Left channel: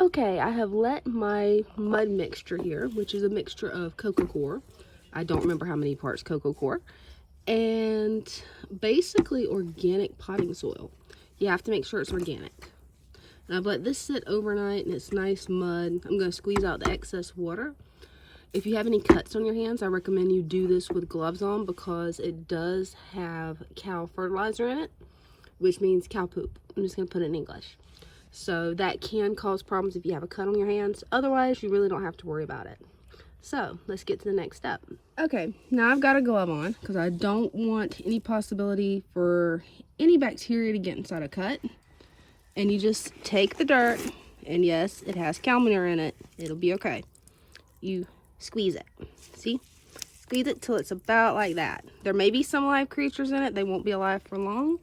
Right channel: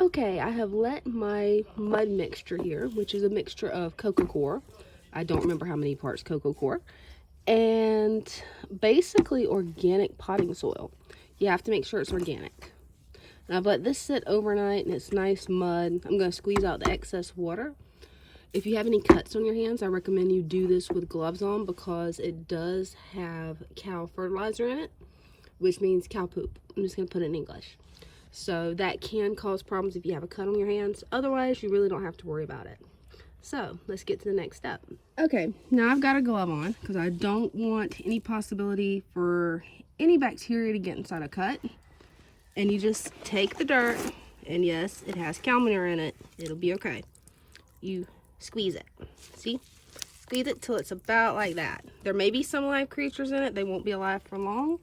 Okay, I have let my mud mixture here, which is a mixture of coco coir. I don't remember how many parts coco coir. And basically organic potting soil. You have to make sure it's organic. And I've let this sit overnight and it's nice mud. I'm going to squeeze out the excess water. If you have any cuts on your hands, I recommend you do this with gloves on because it does have cow fertilizer in it, which means cow poop. I'm just going to put it in English. So that can cause problems if you have a cut on your hands. Otherwise, you really don't have to worry about it. So let's get to the next step. Okay, now I've got a glove on because I don't want any possibility for any bacteria to get inside a cut. And you just take the dirt, and yes, it has cow manure in it. It'll be okay. You squeeze it. See? Squeeze it till it's about like that. There may be some live creatures in it. They won't be alive for long.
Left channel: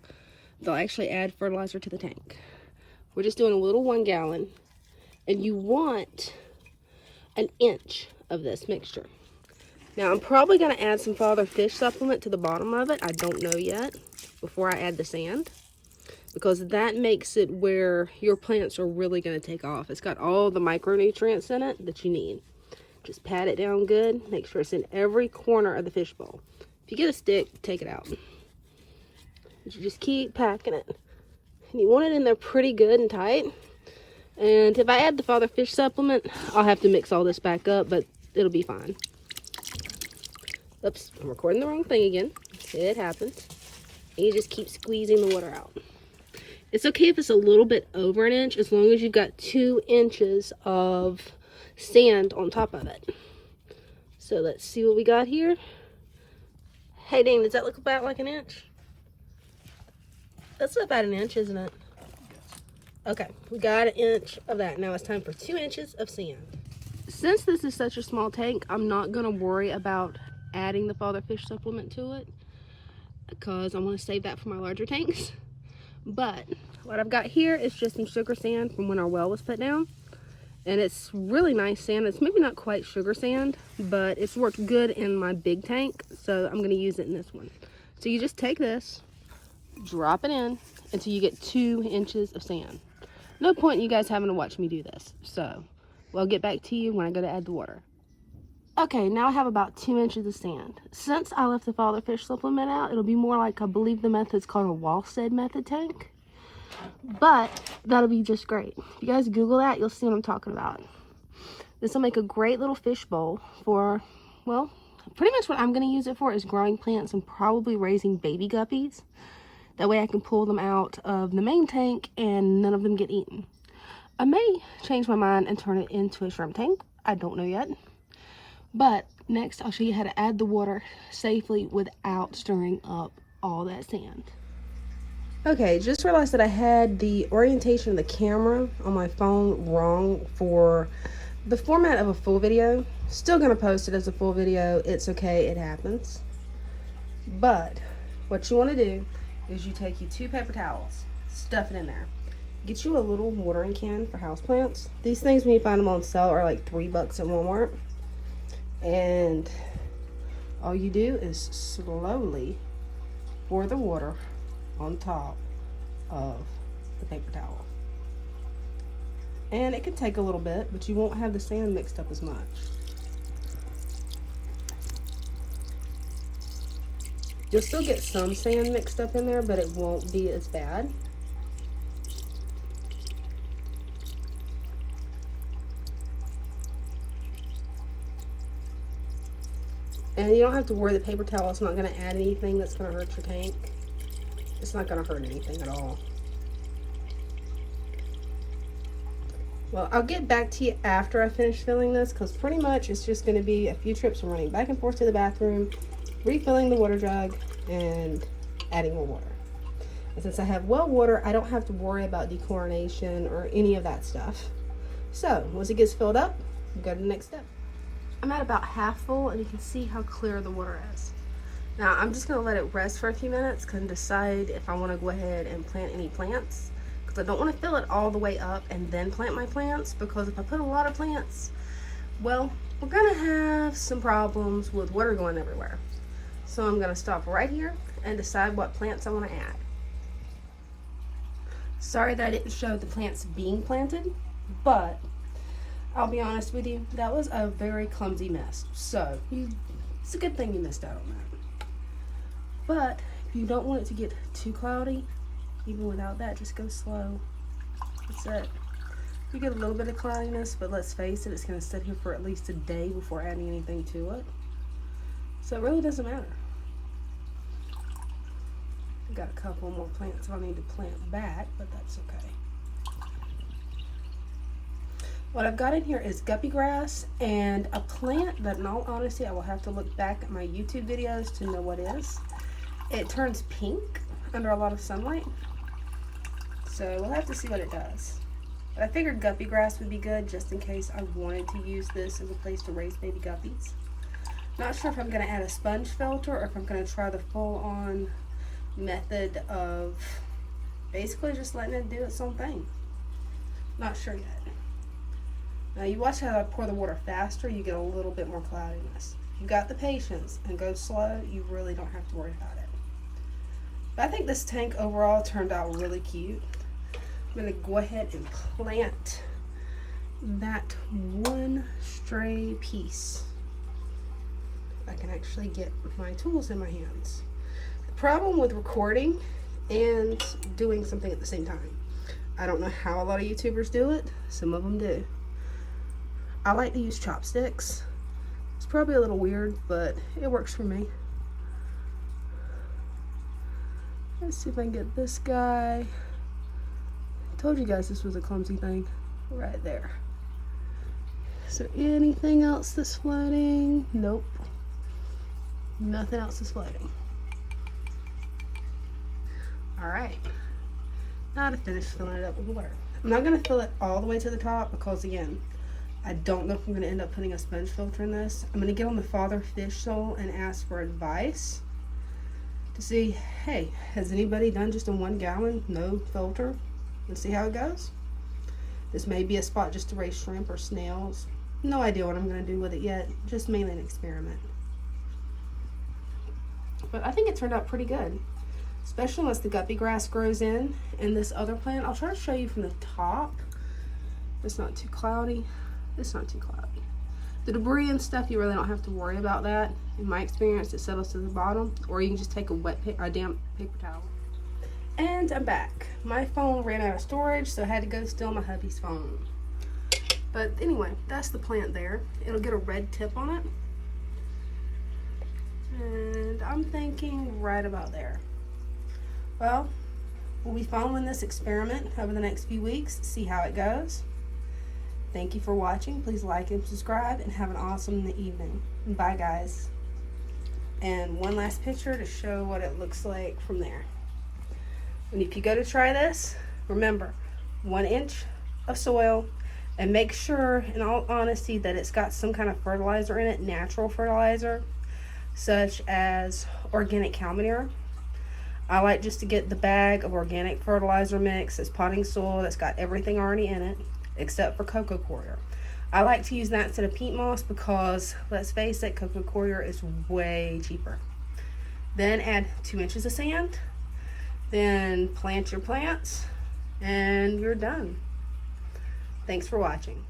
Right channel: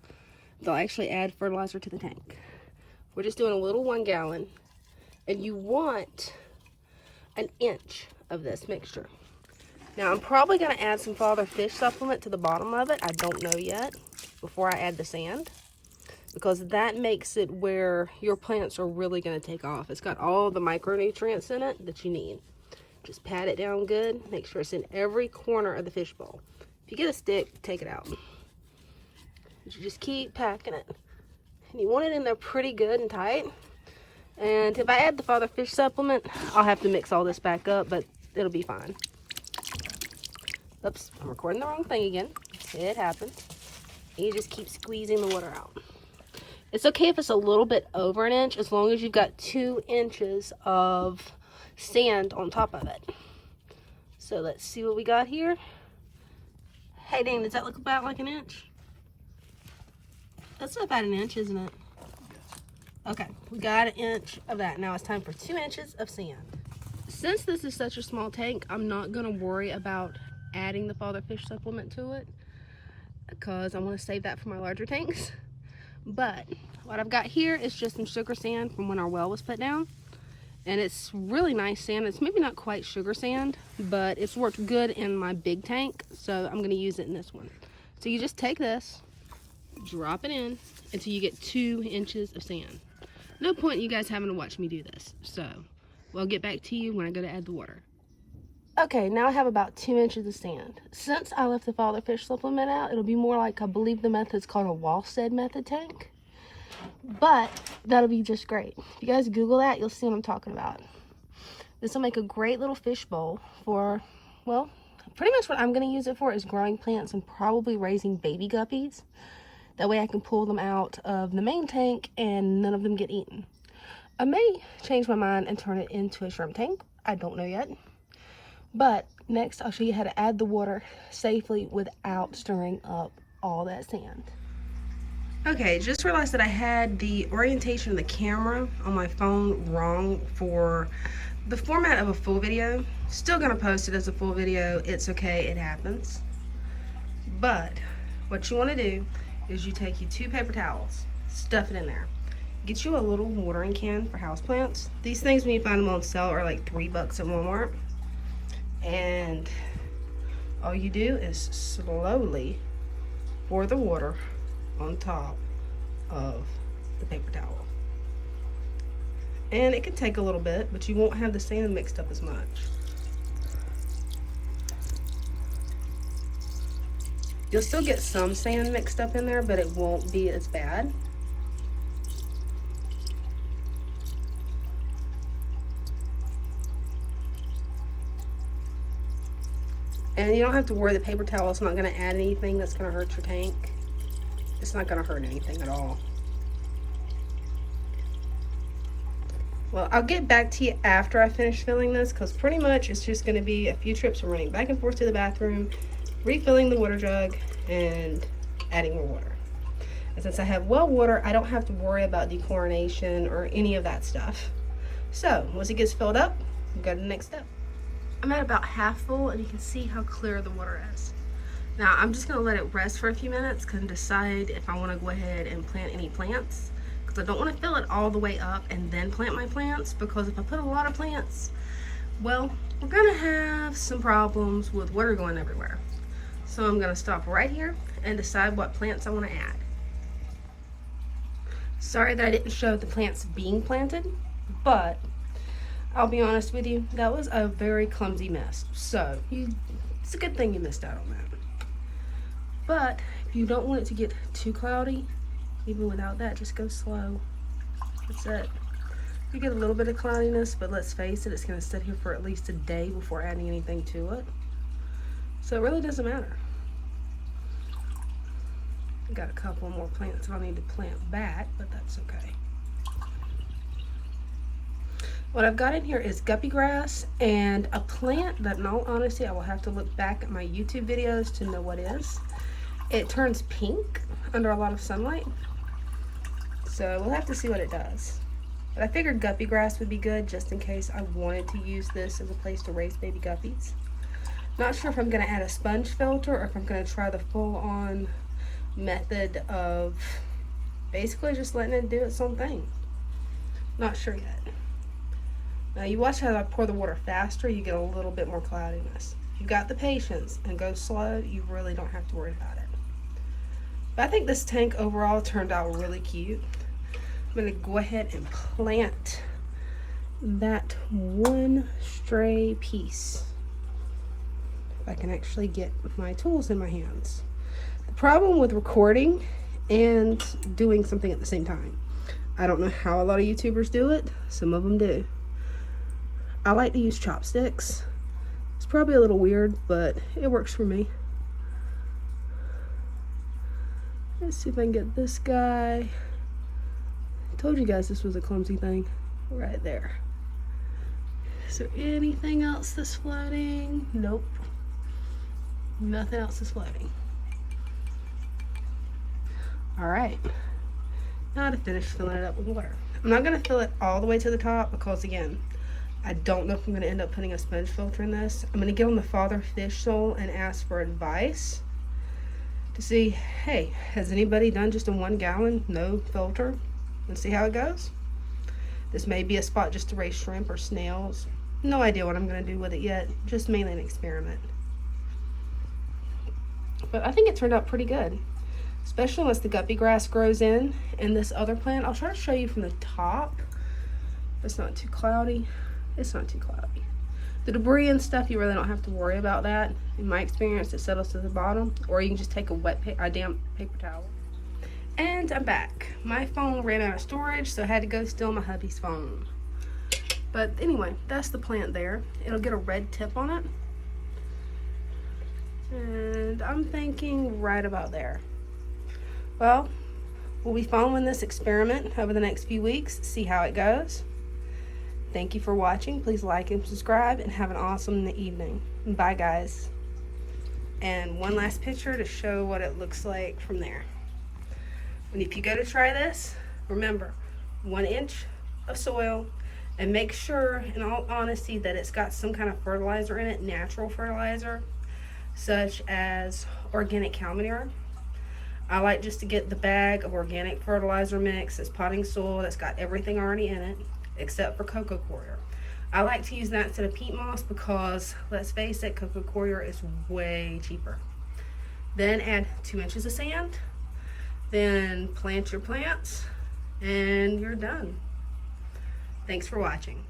They'll actually add fertilizer to the tank. We're just doing a little 1 gallon, and you want an inch of this mixture. Now I'm probably going to add some father fish supplement to the bottom of it. I don't know yet before I add the sand, because that makes it where your plants are really going to take off. It's got all the micronutrients in it that you need. Just pat it down good. Make sure it's in every corner of the fish bowl. If you get a stick, take it out. You just keep packing it. You want it in there pretty good and tight. And if I add the father fish supplement, I'll have to mix all this back up, but it'll be fine. Oops, I'm recording the wrong thing again. It happens. And you just keep squeezing the water out. It's okay if it's a little bit over an inch, as long as you've got 2 inches of sand on top of it. So let's see what we got here. Hey, Dane, does that look about like an inch? That's about an inch, isn't it? Okay, we got an inch of that. Now it's time for 2 inches of sand. Since this is such a small tank, I'm not going to worry about adding the father fish supplement to it because I want to save that for my larger tanks. But what I've got here is just some sugar sand from when our well was put down. And it's really nice sand. It's maybe not quite sugar sand, but it's worked good in my big tank, so I'm going to use it in this one. So you just take this, drop it in until you get 2 inches of sand. No point in you guys having to watch me do this. So we'll get back to you when I go to add the water. Okay, now I have about 2 inches of sand. Since I left the father fish supplement out, it'll be more like, I believe the method's called a Walstead method tank. But that'll be just great. If you guys Google that, you'll see what I'm talking about. This will make a great little fish bowl for, well, pretty much what I'm going to use it for is growing plants and probably raising baby guppies. That way I can pull them out of the main tank and none of them get eaten. I may change my mind and turn it into a shrimp tank. I don't know yet. But next I'll show you how to add the water safely without stirring up all that sand. Okay, just realized that I had the orientation of the camera on my phone wrong for the format of a full video. Still gonna post it as a full video. It's okay, it happens. But what you wanna do is you take you 2 paper towels, stuff it in there. Get you a little watering can for houseplants. These things, when you find them on sale, are like $3 at Walmart. And all you do is slowly pour the water on top of the paper towel. And it can take a little bit, but you won't have the sand mixed up as much. You'll still get some sand mixed up in there, but it won't be as bad. And you don't have to worry, the paper towel is not going to add anything that's going to hurt your tank. It's not going to hurt anything at all. Well, I'll get back to you after I finish filling this, because pretty much it's just going to be a few trips of running back and forth to the bathroom, refilling the water jug, and adding more water. And since I have well water, I don't have to worry about dechlorination or any of that stuff. So once it gets filled up, we'll go to the next step. I'm at about half full, and you can see how clear the water is. Now I'm just going to let it rest for a few minutes and decide if I want to go ahead and plant any plants, because I don't want to fill it all the way up and then plant my plants, because if I put a lot of plants, well, we're going to have some problems with water going everywhere. So I'm going to stop right here and decide what plants I want to add. Sorry that I didn't show the plants being planted. But I'll be honest with you, that was a very clumsy mess. So it's a good thing you missed out on that. But if you don't want it to get too cloudy, even without that, just go slow. That's it. You get a little bit of cloudiness, but let's face it, it's going to sit here for at least a day before adding anything to it. So it really doesn't matter. I've got a couple more plants I'll need to plant back, but that's okay. What I've got in here is guppy grass and a plant that, in all honesty, I will have to look back at my YouTube videos to know what is. It turns pink under a lot of sunlight, so we'll have to see what it does. But I figured guppy grass would be good just in case I wanted to use this as a place to raise baby guppies. Not sure if I'm going to add a sponge filter or if I'm going to try the full-on method of basically just letting it do its own thing. Not sure yet. Now you watch how I pour the water faster, you get a little bit more cloudiness. If you've got the patience and go slow, you really don't have to worry about it. But I think this tank overall turned out really cute. I'm going to go ahead and plant that one stray piece. If I can actually get my tools in my hands. The problem with recording and doing something at the same time, I don't know how a lot of YouTubers do it. Some of them do. I like to use chopsticks. It's probably a little weird, but it works for me. Let's see if I can get this guy. I told you guys this was a clumsy thing. Right there. Is there anything else that's floating? Nope. Nothing else is floating. Alright. Now to finish filling it up with water. I'm not going to fill it all the way to the top because, again, I don't know if I'm going to end up putting a sponge filter in this. I'm going to get on the Father Fish Soul and ask for advice to see, hey, has anybody done just a 1 gallon, no filter, and see how it goes? This may be a spot just to raise shrimp or snails. No idea what I'm going to do with it yet, just mainly an experiment. But I think it turned out pretty good, especially once the guppy grass grows in. And this other plant, I'll try to show you from the top. It's not too cloudy. It's not too cloudy. The debris and stuff, you really don't have to worry about that. In my experience, it settles to the bottom, or you can just take a damp paper towel. And I'm back. My phone ran out of storage, so I had to go steal my hubby's phone. But anyway, that's the plant there. It'll get a red tip on it. And I'm thinking right about there. Well, we'll be following this experiment over the next few weeks, see how it goes. Thank you for watching. Please like and subscribe, and have an awesome evening. Bye, guys. And one last picture to show what it looks like from there. And if you go to try this, remember, 1 inch of soil, and make sure, in all honesty, that it's got some kind of fertilizer in it, natural fertilizer, such as organic cow manure. I like just to get the bag of organic fertilizer mix. It's potting soil that's got everything already in it, except for cocoa coir. I like to use that instead of peat moss because, let's face it, cocoa coir is way cheaper. Then add 2 inches of sand, then plant your plants, and you're done. Thanks for watching.